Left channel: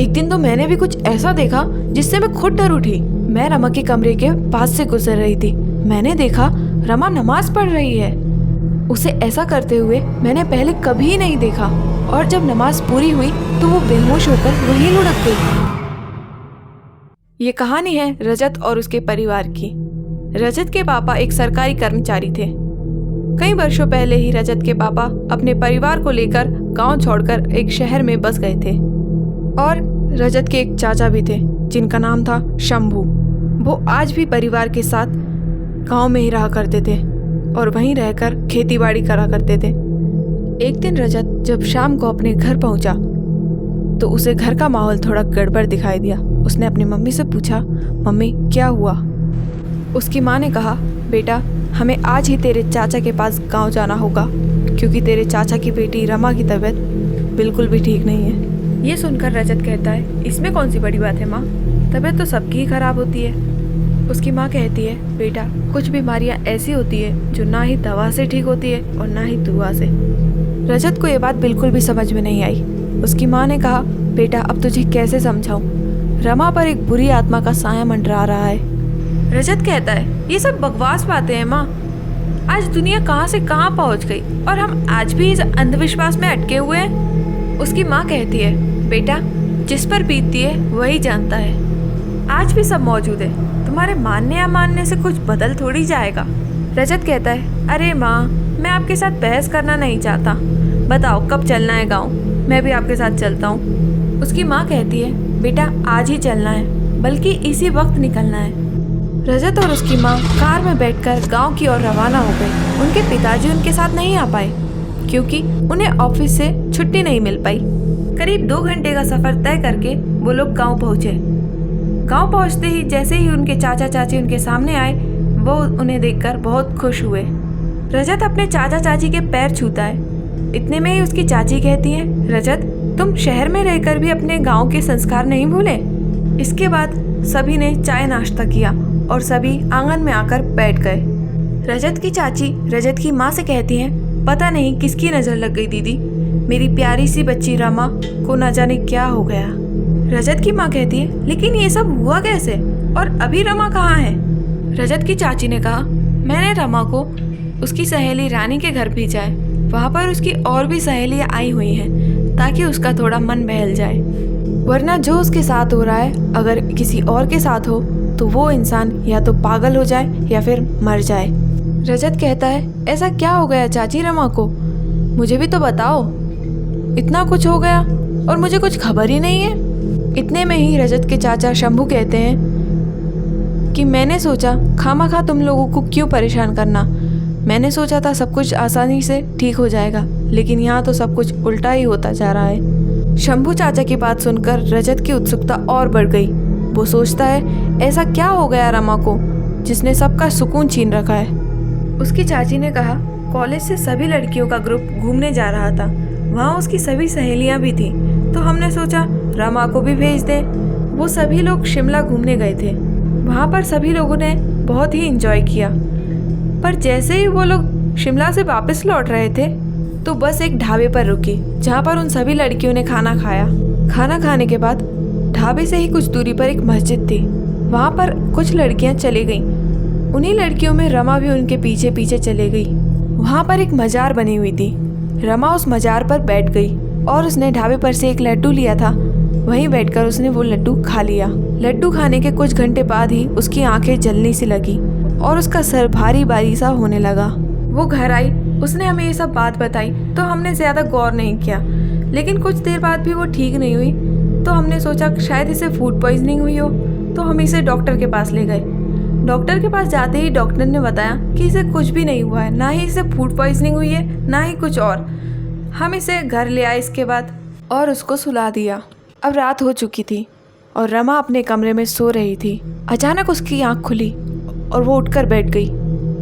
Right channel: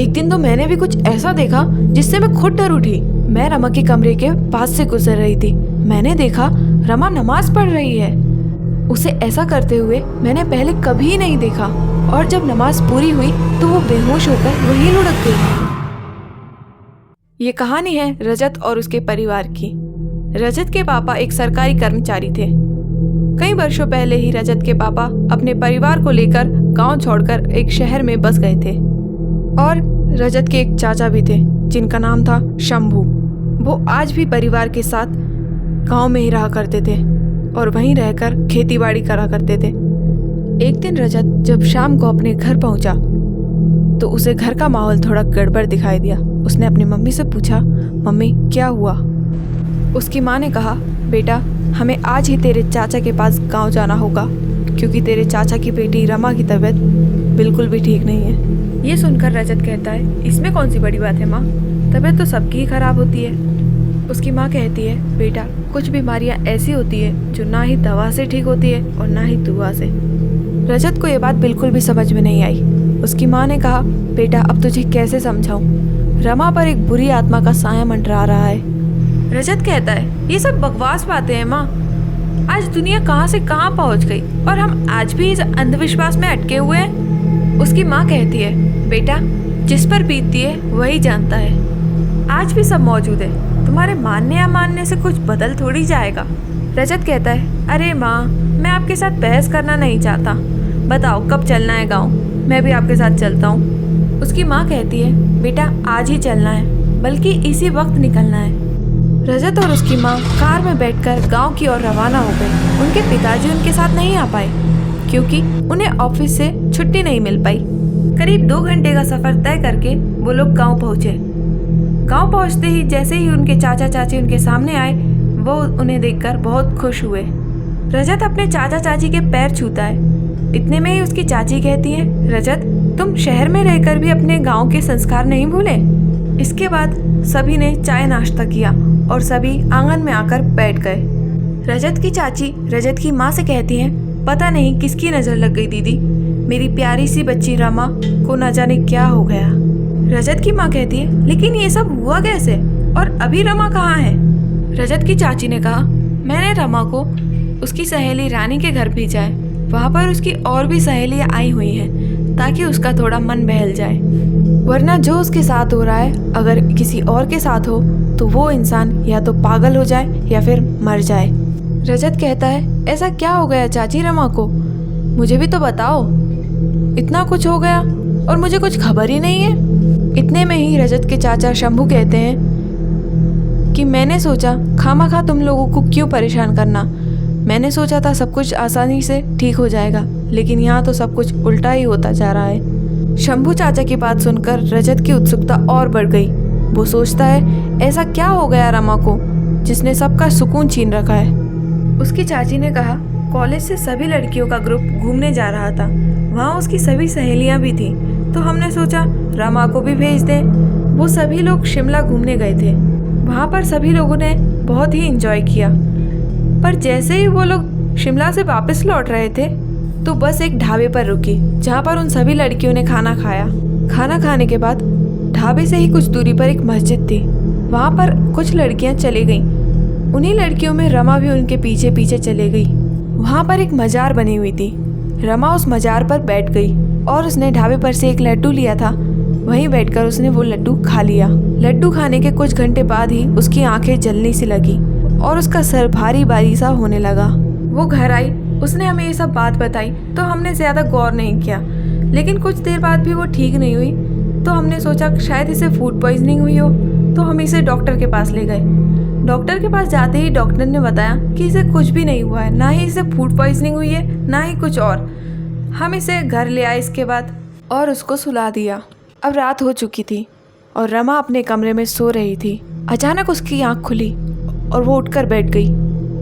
एक दिन तो मैंने भी कुछ ऐसा देखा जिससे मैं खुद डर उठी। मैं रमा के कमरे के पास से गुजर रही थी। मैंने देखा रमा नमाज पढ़ रही है। उसे ऐसा करते हुए मैंने पहले कभी नहीं देखा। और जब नमाज पूरी हुई तो वो बेहोश होकर वहीं लुढ़क गई। ये कहानी है रजत और उसके परिवार की। रजत के पापा एक सरकारी कर्मचारी थे। कई वर्षों पहले ही रजत के पापा अपने परिवार को लेकर गांव छोड़कर एक शहर में बस गए थे। और रजत के एक चाचा भी थे जिनका नाम था शंभू। वो आज भी परिवार के साथ गांव में ही रहा करते थे और वहीं रहकर खेतीबाड़ी करा करते थे। एक दिन रजत जब शाम को अपने घर पहुंचा तो उसे घर का माहौल थोड़ा गड़बड़ दिखाई दिया। उसने अपनी मम्मी से पूछा, मम्मी क्या हुआ? उसकी माँ ने कहा, बेटा हमें आज ही तेरे चाचा के पास गांव जाना होगा क्योंकि तेरे चाचा की बेटी रमा की तबीयत बिल्कुल भी ठीक नहीं है। ये सुनकर रजत कहता है, इसमें कौन सी बड़ी बात है माँ, तबीयत तो सबकी ही खराब होती है। उसकी माँ कहती है, बेटा कुछ बीमारियाँ ऐसी होती है जो ना ही दवा से ठीक होती है और ना ही दुआ से। रजत को ये बात बिल्कुल भी समझ में नहीं आई। उसकी माँ ने कहा, बेटा अब तुझे कैसे समझाऊं, रमा पर एक बुरी आत्मा का साया मंडरा रहा है। रजत कहता है, ये सब बकवास बातें हैं माँ। आज दुनिया कहाँ से कहाँ पहुँच गई और हम आज भी इस अंधविश्वास में अटके हुए हैं। उसकी माँ कहती है, बेटा जिस पर बीतती है वही जानता है। आज भी सब मौजूद है, तुम्हारे मानने या मानने से कुछ बदल थोड़ी जाएगा। रजत कहता है, अरे माँ मैं आपके साथ बहस करना नहीं चाहता, बताओ कब चलना है गाँव, मैं भी आपके साथ चलता हूँ। उसकी माँ कहती है, बेटा आज ही चलना है, बल्कि इसी वक्त निकलना है। रजत और उसकी माँ कार में बैठकर गांव की ओर रवाना हो गए। उनके पिताजी उनके साथ नहीं आ पाए क्योंकि उन्हें ऑफिस से छुट्टी नहीं मिल पाई। करीब 2 घंटे का सफर तय करके वो लोग गांव पहुंचे। गांव पहुंचते ही जैसे ही उनके चाचा चाची उनके सामने आए वो उन्हें देखकर बहुत खुश हुए। रजत अपने चाचा चाची के पैर छूता है। इतने में ही उसकी चाची कहती है, रजत तुम शहर में रहकर भी अपने गाँव के संस्कार नहीं भूले। इसके बाद सभी ने चाय नाश्ता किया और सभी आंगन में आकर बैठ गए। रजत की चाची रजत की माँ से कहती हैं, पता नहीं किसकी नज़र लग गई दीदी, मेरी प्यारी सी बच्ची रमा को न जाने क्या हो गया। रजत की माँ कहती है, लेकिन ये सब हुआ कैसे और अभी रमा कहाँ है? रजत की चाची ने कहा, मैंने रमा को उसकी सहेली रानी के घर भेजा है। वहाँ पर उसकी और भी सहेलियाँ आई हुई हैं ताकि उसका थोड़ा मन बहल जाए, वरना जो उसके साथ हो रहा है अगर किसी और के साथ हो तो वो इंसान या तो पागल हो जाए या फिर मर जाए। रजत कहता है, ऐसा क्या हो गया चाची रमा को, मुझे भी तो बताओ, इतना कुछ हो गया और मुझे कुछ खबर ही नहीं है। इतने में ही रजत के चाचा शंभू कहते हैं कि मैंने सोचा खामखा तुम लोगों को क्यों परेशान करना, मैंने सोचा था सब कुछ आसानी से ठीक हो जाएगा, लेकिन यहाँ तो सब कुछ उल्टा ही होता जा रहा है। शंभू चाचा की बात सुनकर रजत की उत्सुकता और बढ़ गई। वो सोचता है, ऐसा क्या हो गया रमा को जिसने सबका सुकून छीन रखा है। उसकी चाची ने कहा, कॉलेज से सभी लड़कियों का ग्रुप घूमने जा रहा था, वहाँ उसकी सभी सहेलियाँ भी थी, तो हमने सोचा रमा को भी भेज दें। वो सभी लोग शिमला घूमने गए थे। वहाँ पर सभी लोगों ने बहुत ही एंजॉय किया, पर जैसे ही वो लोग शिमला से वापस लौट रहे थे तो बस एक ढाबे पर रुकी जहाँ पर उन सभी लड़कियों ने खाना खाया। खाना खाने के बाद ढाबे से ही कुछ दूरी पर एक मस्जिद थी। वहाँ पर कुछ लड़कियाँ चली गईं। उन्हीं लड़कियों में रमा भी उनके पीछे पीछे चले गई। वहाँ पर एक मजार बनी हुई थी। रमा उस मजार पर बैठ गई और उसने ढाबे पर से एक लड्डू लिया था। वहीं बैठकर उसने वो लड्डू खा लिया। लड्डू खाने के कुछ घंटे बाद ही उसकी आंखें जलने सी लगी और उसका सर भारी भारी सा होने लगा। वो घर आई, उसने हमें ये सब बात बताई तो हमने ज़्यादा गौर नहीं किया, लेकिन कुछ देर बाद भी वो ठीक नहीं हुई तो हमने सोचा शायद इसे फूड पॉइजनिंग हुई हो, तो हम इसे डॉक्टर के पास ले गए। डॉक्टर के पास जाते ही डॉक्टर ने बताया कि इसे कुछ भी नहीं हुआ है, ना ही इसे फूड पॉइजनिंग हुई है ना ही कुछ और। हम इसे घर ले आए इसके बाद और उसको सुला दिया। अब रात हो चुकी थी और रमा अपने कमरे में सो रही थी। अचानक उसकी आँख खुली और वो उठकर बैठ गई।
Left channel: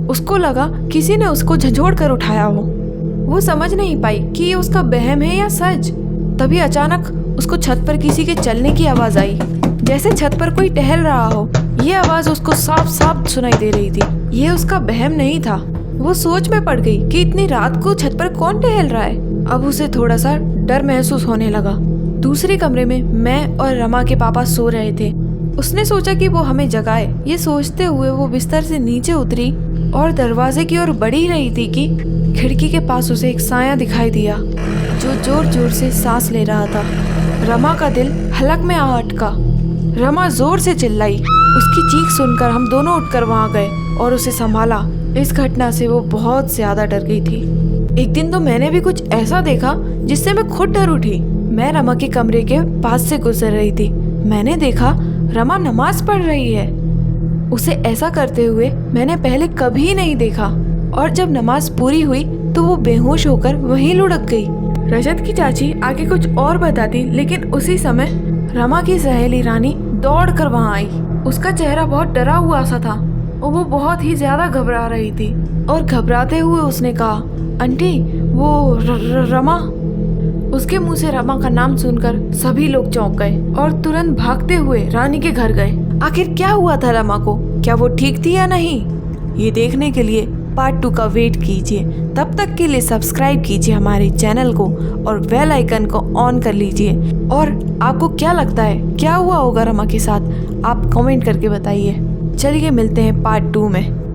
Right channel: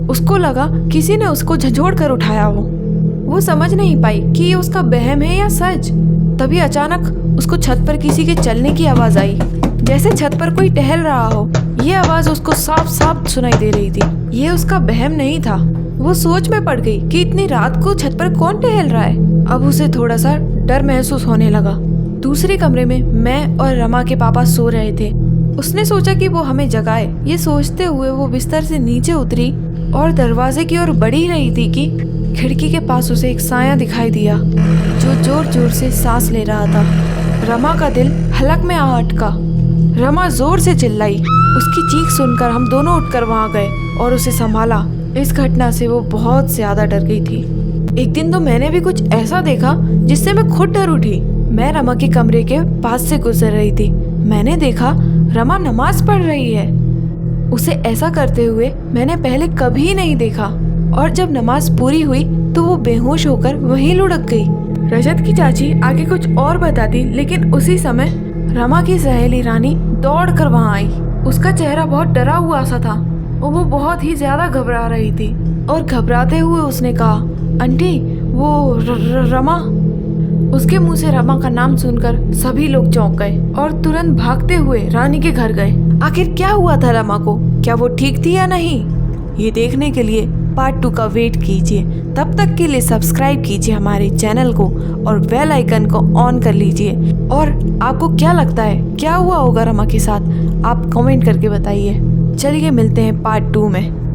उसको लगा किसी ने उसको झंझोड़ कर उठाया हो। वो समझ नहीं पाई कि ये उसका वहम है या सच। तभी अचानक उसको छत पर किसी के चलने की आवाज़ आई, जैसे छत पर कोई टहल रहा हो। ये आवाज़ उसको साफ साफ सुनाई दे रही थी। ये उसका वहम नहीं था। वो सोच में पड़ गई कि इतनी रात को छत पर कौन टहल रहा है। अब उसे थोड़ा सा डर महसूस होने लगा। दूसरे कमरे में मैं और रमा के पापा सो रहे थे। उसने सोचा कि वो हमें जगाए। ये सोचते हुए वो बिस्तर से नीचे उतरी और दरवाजे की ओर बढ़ ही रही थी कि खिड़की के पास उसे एक साया दिखाई दिया जो जोर जोर से सांस ले रहा था। रमा का दिल हलक में आ अटका। रमा जोर से चिल्लाई। उसकी चीख सुनकर हम दोनों उठकर वहां गए और उसे संभाला। इस घटना से वो बहुत ज्यादा डर गई थी। एक दिन तो मैंने भी कुछ ऐसा देखा जिससे मैं खुद डर उठी। मैं रमा के कमरे के पास से गुजर रही थी। मैंने देखा रमा नमाज पढ़ रही है। उसे ऐसा करते हुए मैंने पहले कभी नहीं देखा। और जब नमाज पूरी हुई तो वो बेहोश होकर वहीं लुढ़क गई। रजत की चाची आगे कुछ और बताती, लेकिन उसी समय रमा की सहेली रानी दौड़ कर वहाँ आई। उसका चेहरा बहुत डरा हुआ सा था और वो बहुत ही ज्यादा घबरा रही थी। और घबराते हुए उसने कहा, आंटी वो रमा। उसके मुंह से रमा का नाम सुनकर सभी लोग चौंक गए और तुरंत भागते हुए रानी के घर गए। आखिर क्या हुआ था रमा को? क्या वो ठीक थी या नहीं? ये देखने के लिए पार्ट 2 का वेट कीजिए। तब तक के लिए सब्सक्राइब कीजिए हमारे चैनल को और बेल आइकन को ऑन कर लीजिए। और आपको क्या लगता है क्या हुआ होगा रमा के साथ? आप कमेंट करके बताइए। चलिए मिलते हैं पार्ट 2 में।